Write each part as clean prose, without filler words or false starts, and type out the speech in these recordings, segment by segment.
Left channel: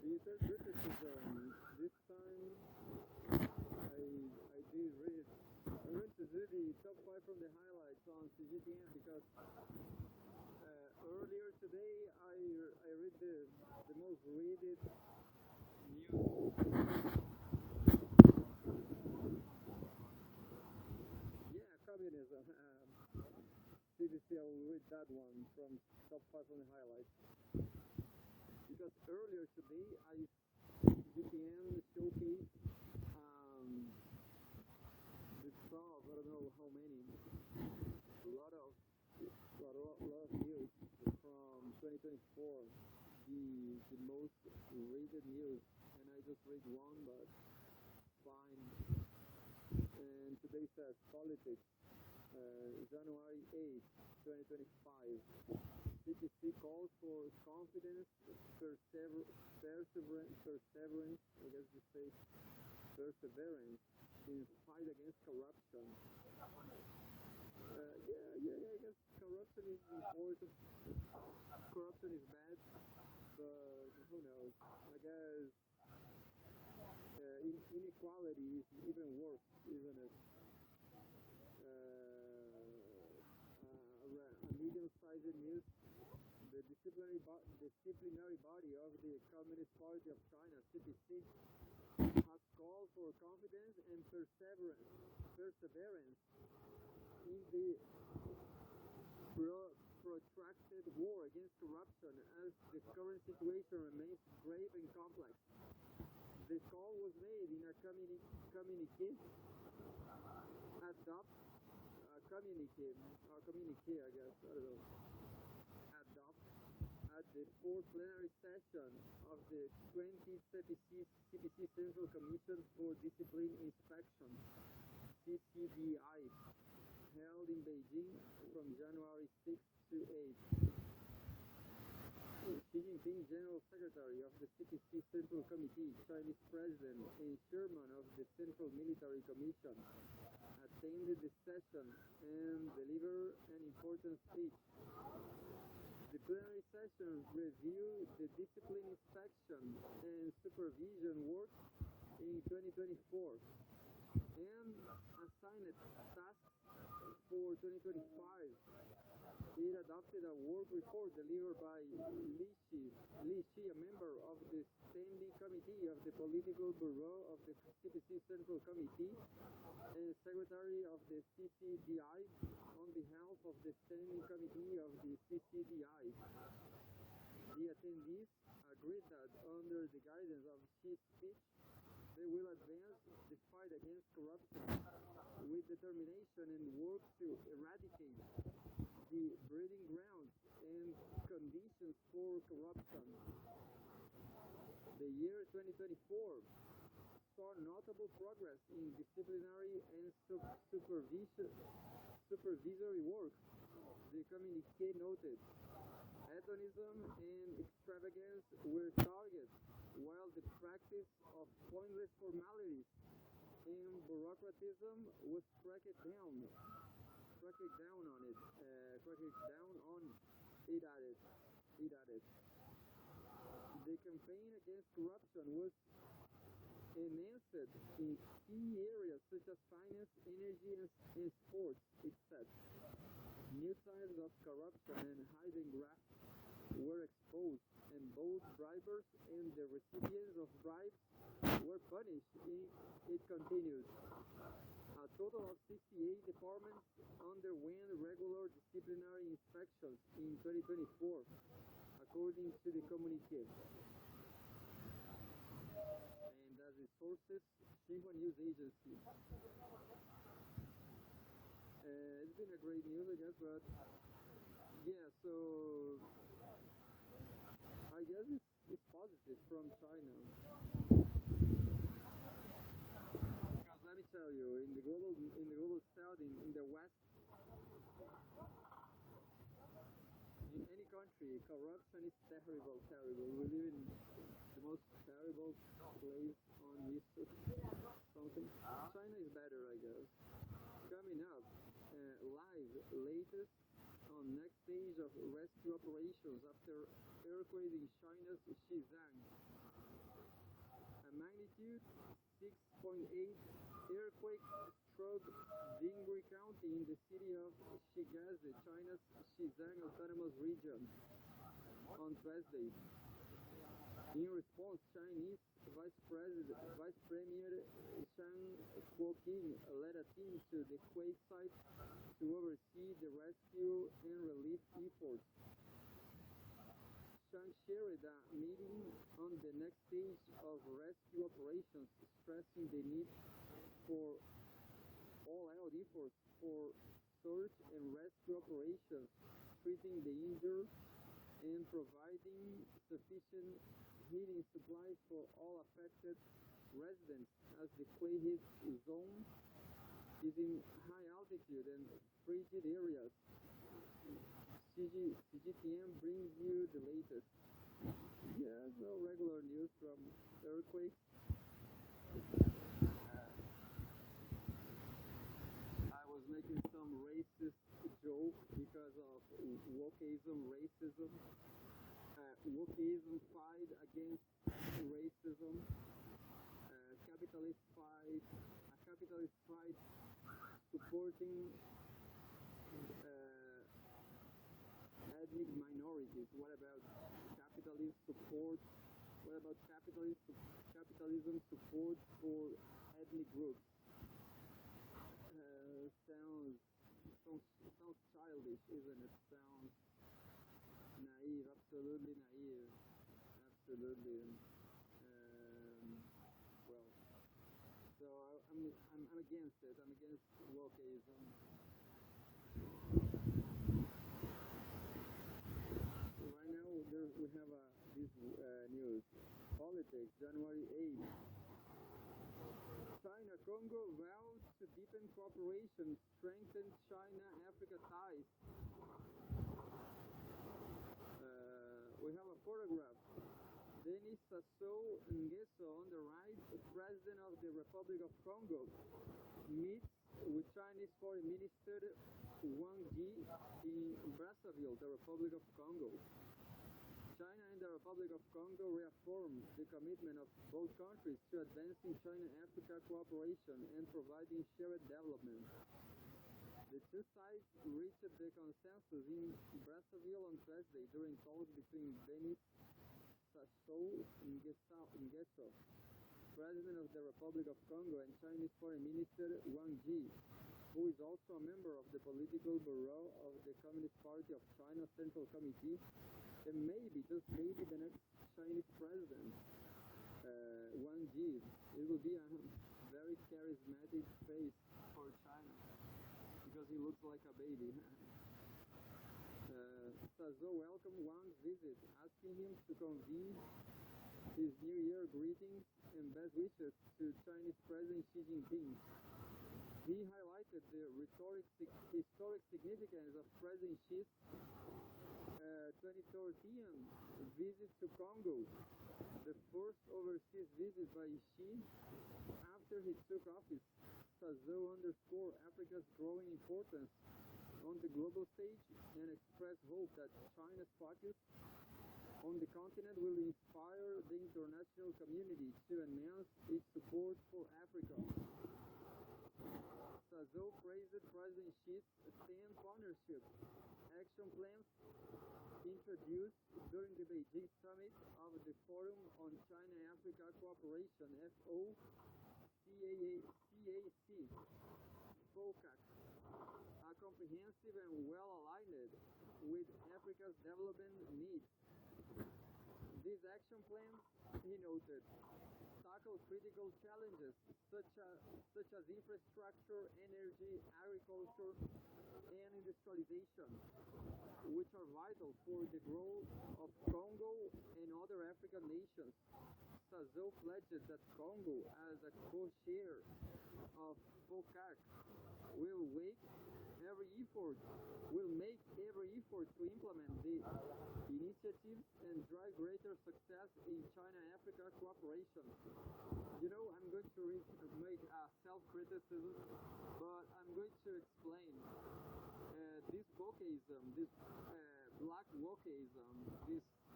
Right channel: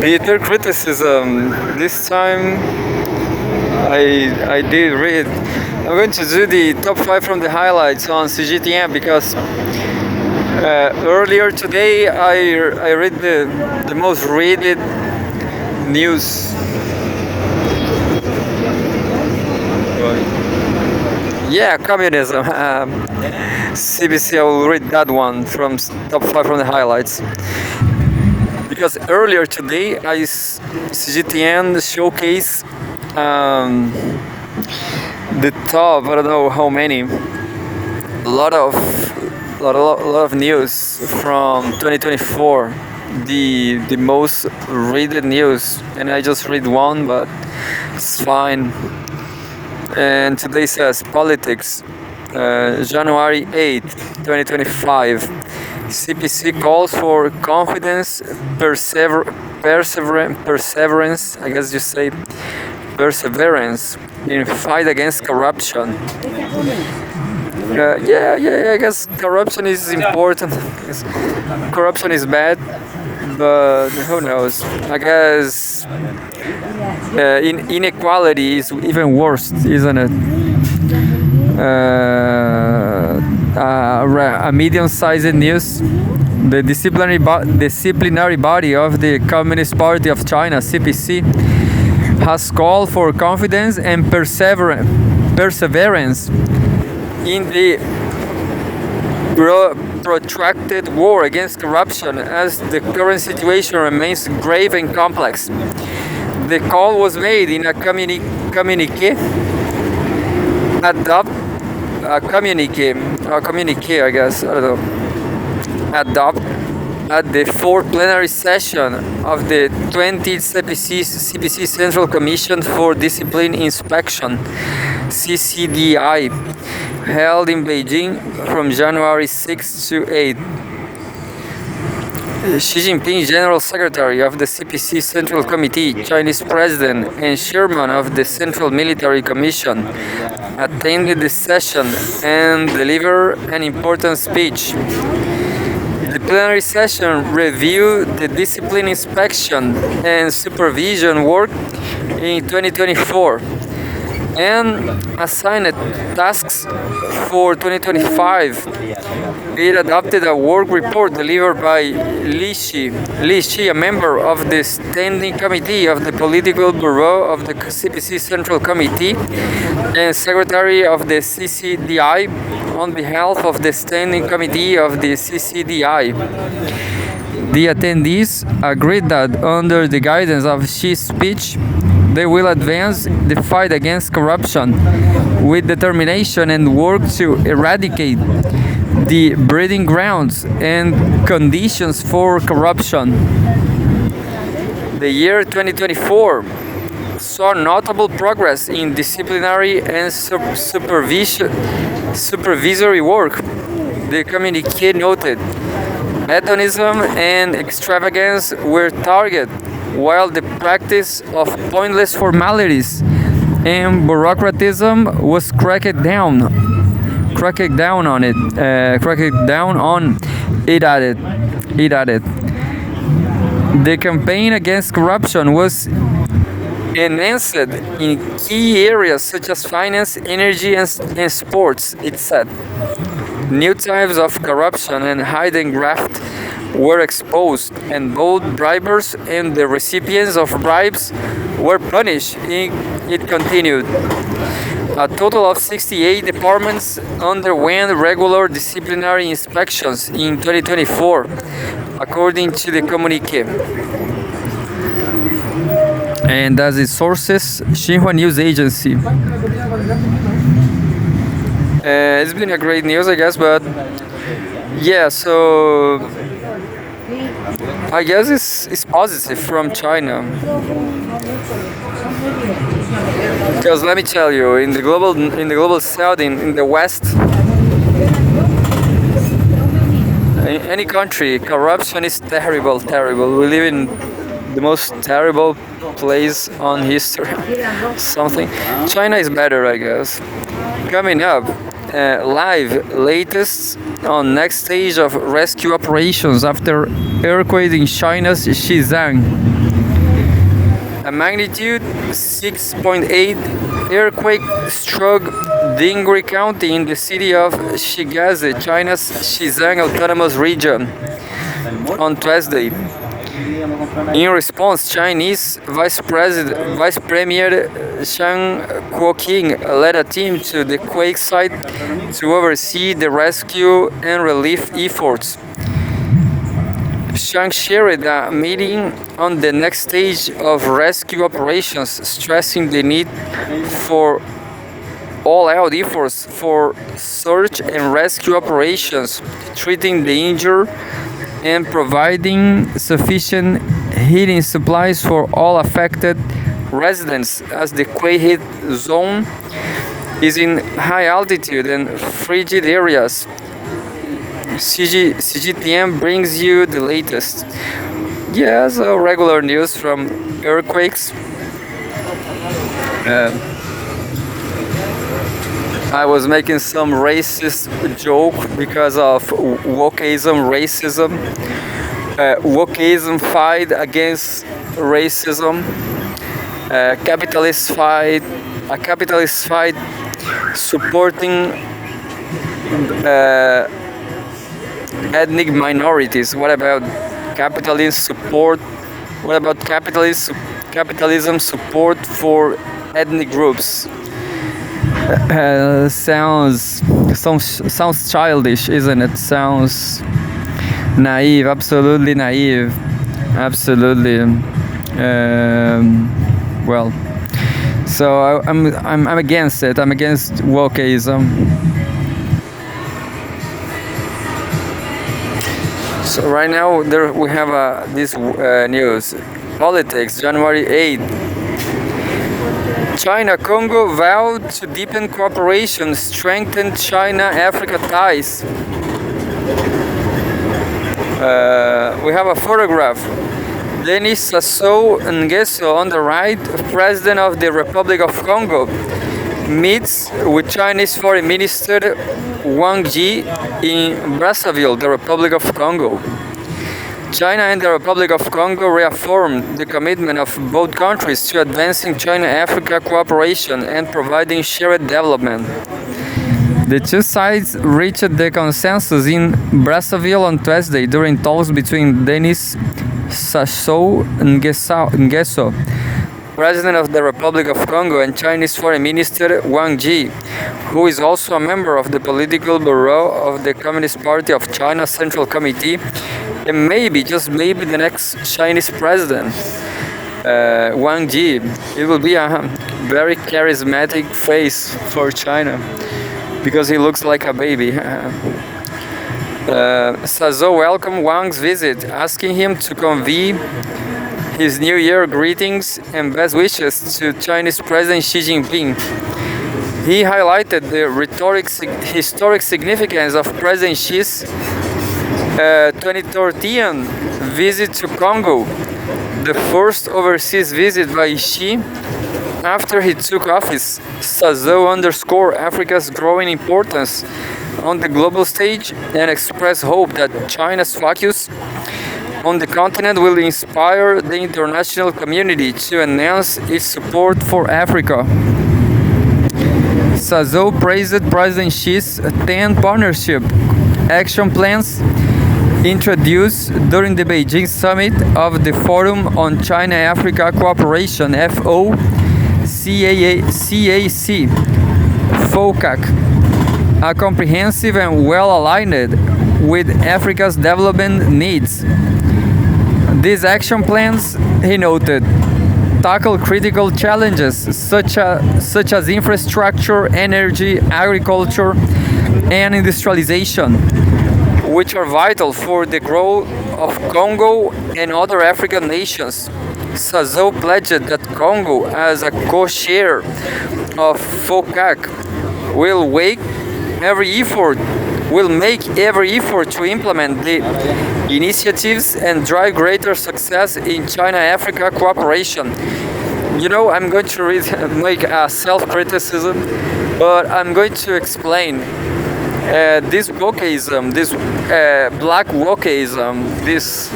Bitter criticism. This time I did read. I'm going to do the top 5 from the highlights on Cgtn because earlier today I read the most read news. Yeah, communism. CBC, I will read that one from top 5 from the highlights. Because earlier today, Cgtn showcase the top, I don't know how many, a lot of news from 2024, the most read news, and I just read one, but it's fine. And today says politics, January 8th, 2025. CPC calls for confidence, perseverance, I guess you say perseverance in fight against corruption. I guess corruption is important. Corruption is bad, but who knows? I guess inequality is even worse, isn't it? A medium-sized news. The disciplinary body of the Communist Party of China, CPC, has called for confidence and perseverance in the protracted war against corruption, as the current situation remains grave and complex. The call was made in a communique I guess, I don't know, at the fourth plenary session of the 20th CPC Central Commission for Discipline Inspection, CCDI, held in Beijing from January 6 to 8. Xi Jinping, General Secretary of the CPC Central Committee, Chinese President, and Chairman of the Central Military Commission, attended the session and delivered an important speech. The plenary session reviewed the discipline inspection and supervision work in 2024 and assigned tasks for 2025. It adopted a work report delivered by Li Xi, a member of the Standing Committee of the Political Bureau of the CPC Central Committee and Secretary of the CCDI, on behalf of the Standing Committee of the CCDI. The attendees agreed that under the guidance of Xi's speech, they will advance the fight against corruption with determination and work to eradicate the breeding grounds and conditions for corruption. The year 2024 saw notable progress in disciplinary and supervisory work. The communique noted hedonism and extravagance were targeted, while the practice of pointless formalities and bureaucratism was cracked down on. It added. The campaign against corruption was enhanced in key areas such as finance, energy, and sports, it said. New types of corruption and hidden graft were exposed, and both bribers and the recipients of bribes were punished. It continued. A total of 68 departments underwent regular disciplinary inspections in 2024, according to the communique. And as its sources, Xinhua News Agency. It's been a great news, I guess, but yeah, so I guess it's positive from China. Because let me tell you, in the global south, in the west, in any country, corruption is terrible. We live in the most terrible place on history. Something. China is better, I guess. Coming up, live latest on next stage of rescue operations after earthquake in China's Xizang. A magnitude 6.8 earthquake struck Dingri County in the city of Shigaze, China's Xizang Autonomous Region, on Thursday. In response, Chinese Vice Premier Shang Kuoqing led a team to the quake site to oversee the rescue and relief efforts. Shang shared a meeting on the next stage of rescue operations, stressing the need for all-out efforts for search and rescue operations, treating the injured, and providing sufficient heating supplies for all affected residents, as the quake hit zone is in high altitude and frigid areas. Cgtn brings you the latest. Yes, regular news from earthquakes. I was making some racist joke because of wokeism, racism. Wokeism fight against racism. A capitalist fight supporting ethnic minorities. What about capitalism support? What about capitalism support for ethnic groups? Sounds childish, isn't it? Sounds naive, absolutely naive, absolutely. Well, so I'm against it. I'm against wokeism. So right now we have this news. Politics, January 8th. China-Congo vowed to deepen cooperation, strengthen China-Africa ties. We have a photograph. Denis Sassou Nguesso on the right, President of the Republic of Congo, meets with Chinese Foreign Minister Wang Yi in Brazzaville, the Republic of Congo. China and the Republic of Congo reaffirmed the commitment of both countries to advancing China-Africa cooperation and providing shared development. The two sides reached the consensus in Brazzaville on Thursday during talks between Denis Sassou Nguesso, President of the Republic of Congo, and Chinese Foreign Minister Wang Yi, who is also a member of the Political Bureau of the Communist Party of China Central Committee, and maybe, just maybe, the next Chinese president, Wang Yi. It will be a very charismatic face for China, because he looks like a baby. Sassou welcomed Wang's visit, asking him to convey his New Year greetings and best wishes to Chinese President Xi Jinping. He highlighted the historic significance of President Xi's 2013 visit to Congo, the first overseas visit by Xi after he took office. Sassou underscored Africa's growing importance on the global stage and expressed hope that China's focus on the continent will inspire the international community to enhance its support for Africa. Sassou praised President Xi's 10 partnership action plans introduced during the Beijing summit of the Forum on China-Africa Cooperation FOCAC, a comprehensive and well-aligned with Africa's development needs. These action plans, he noted, tackle critical challenges such as infrastructure, energy, agriculture, and industrialization, which are vital for the growth of Congo and other African nations. Sassou pledged that Congo, as a co-chair of FOCAC, will make every effort to implement the initiatives and drive greater success in China-Africa cooperation. You know, I'm going to make a self-criticism, but I'm going to explain this wokeism, this black wokeism, this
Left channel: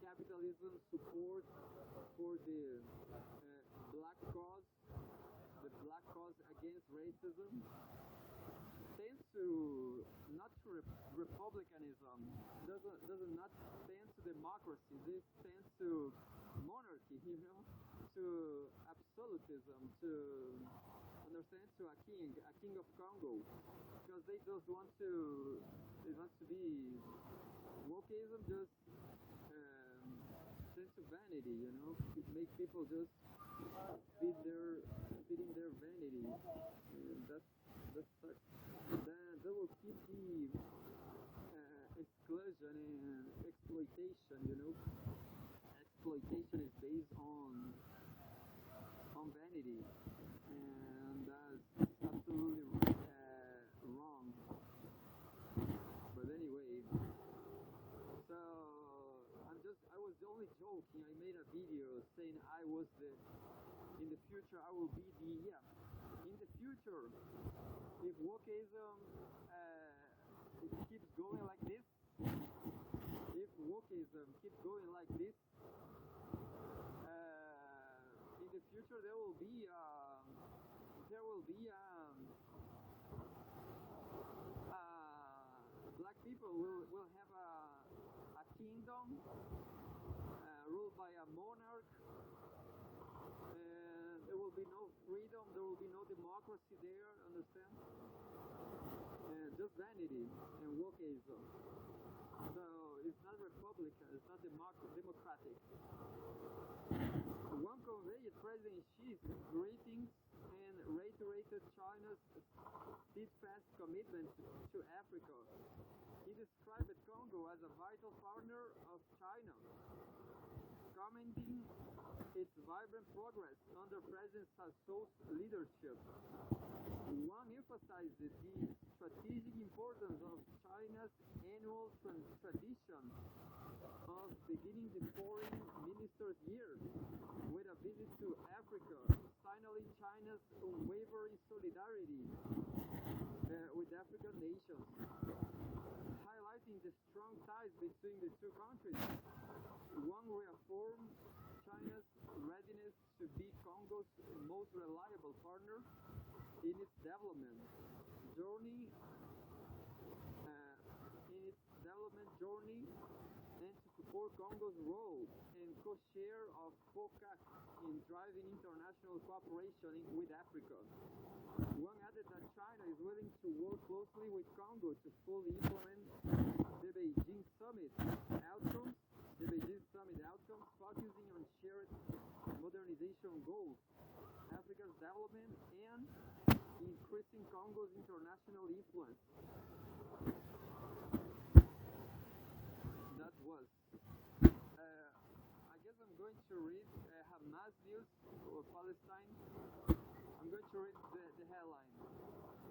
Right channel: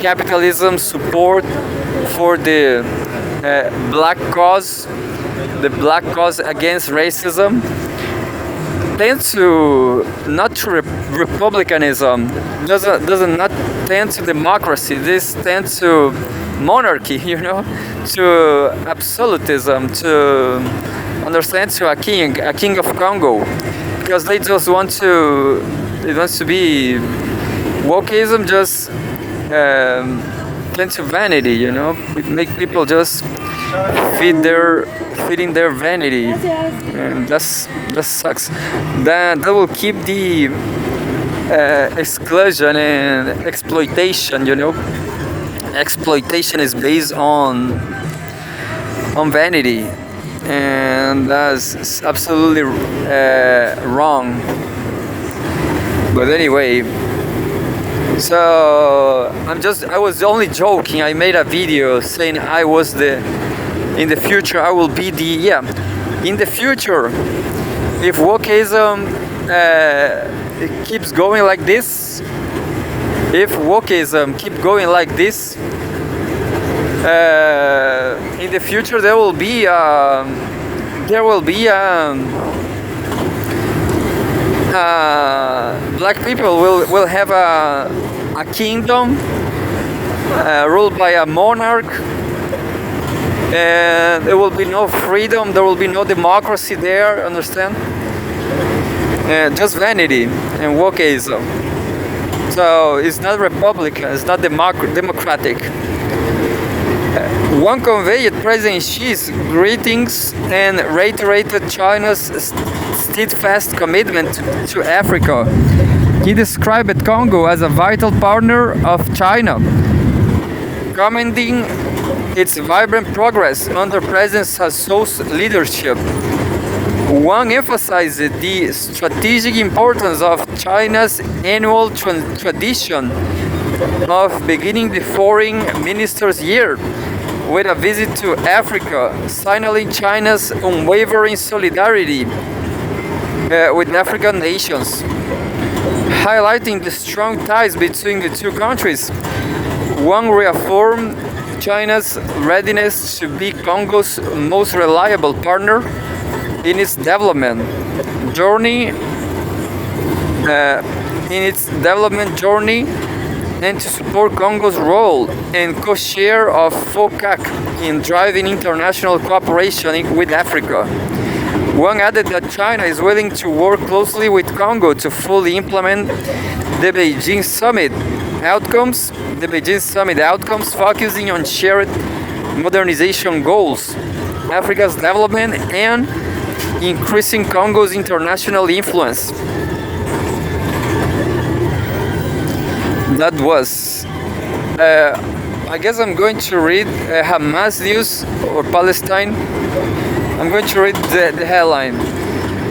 capitalism support for the black cause, the black cause against racism, tend to not to republicanism, doesn't not tend to democracy. This tends to monarchy, to absolutism, to understand to a king of Congo, because they just want to be wokeism, just tend to vanity, it make people just feeding their vanity, and that sucks. That will keep the exclusion and exploitation. Exploitation is based on vanity, and that's absolutely wrong. But anyway, so I was only joking. I made a video saying in the future I will be in the future, if wokeism it keeps going like this, in the future there will be black people will have a kingdom ruled by a monarch, and there will be no freedom, there will be no democracy there, understand? Just vanity and wokeism. So it's not Republican, it's not democratic. Wang conveyed President Xi's greetings and reiterated China's steadfast commitment to Africa. He described Congo as a vital partner of China, commending its vibrant progress under President Sassou's leadership. Wang emphasized the strategic importance of China's annual tradition of beginning the Foreign Ministers' Year with a visit to Africa, signaling China's unwavering solidarity with African nations. Highlighting the strong ties between the two countries, Wang reaffirmed China's readiness to be Congo's most reliable partner in its development journey, and to support Congo's role and co-chair of FOCAC in driving international cooperation with Africa. Wang added that China is willing to work closely with Congo to fully implement the Beijing Summit outcomes, focusing on shared modernization goals, Africa's development, and increasing Congo's international influence. That was, I guess I'm going to read Hamas news or Palestine. I'm going to read the headline.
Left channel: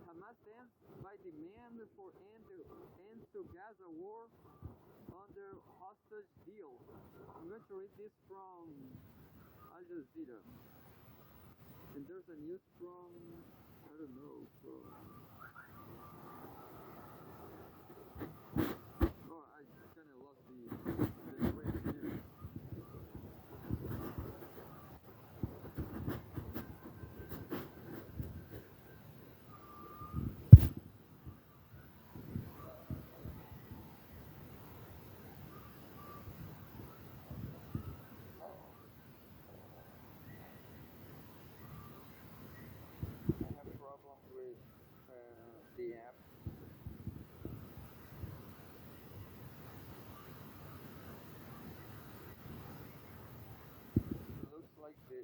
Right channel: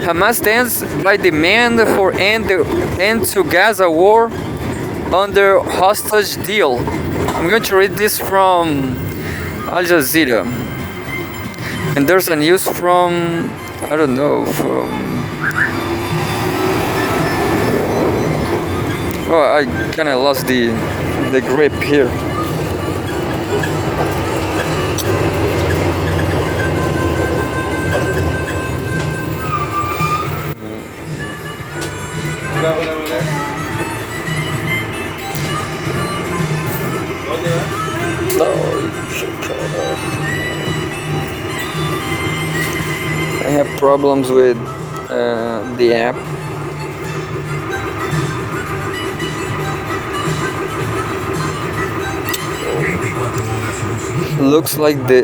Hamas stands by demand for end to Gaza war under hostage deal. I'm going to read this from Al Jazeera. And there's a news from, I don't know, I kind of lost the grip here. I have problems with the app. Looks like the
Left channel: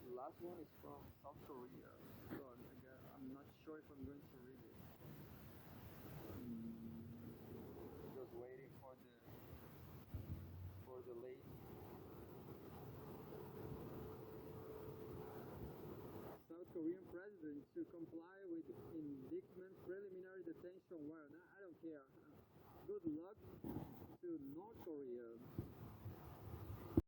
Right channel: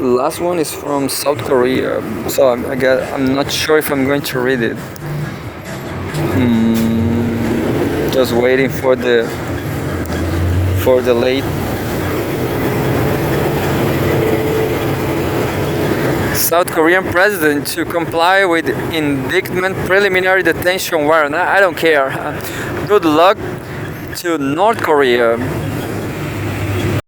last one is from South Korea, so I'm not sure if I'm going to read it. Just waiting for the late. South Korean president to comply with indictment preliminary detention warrant. I don't care. Good luck to North Korea.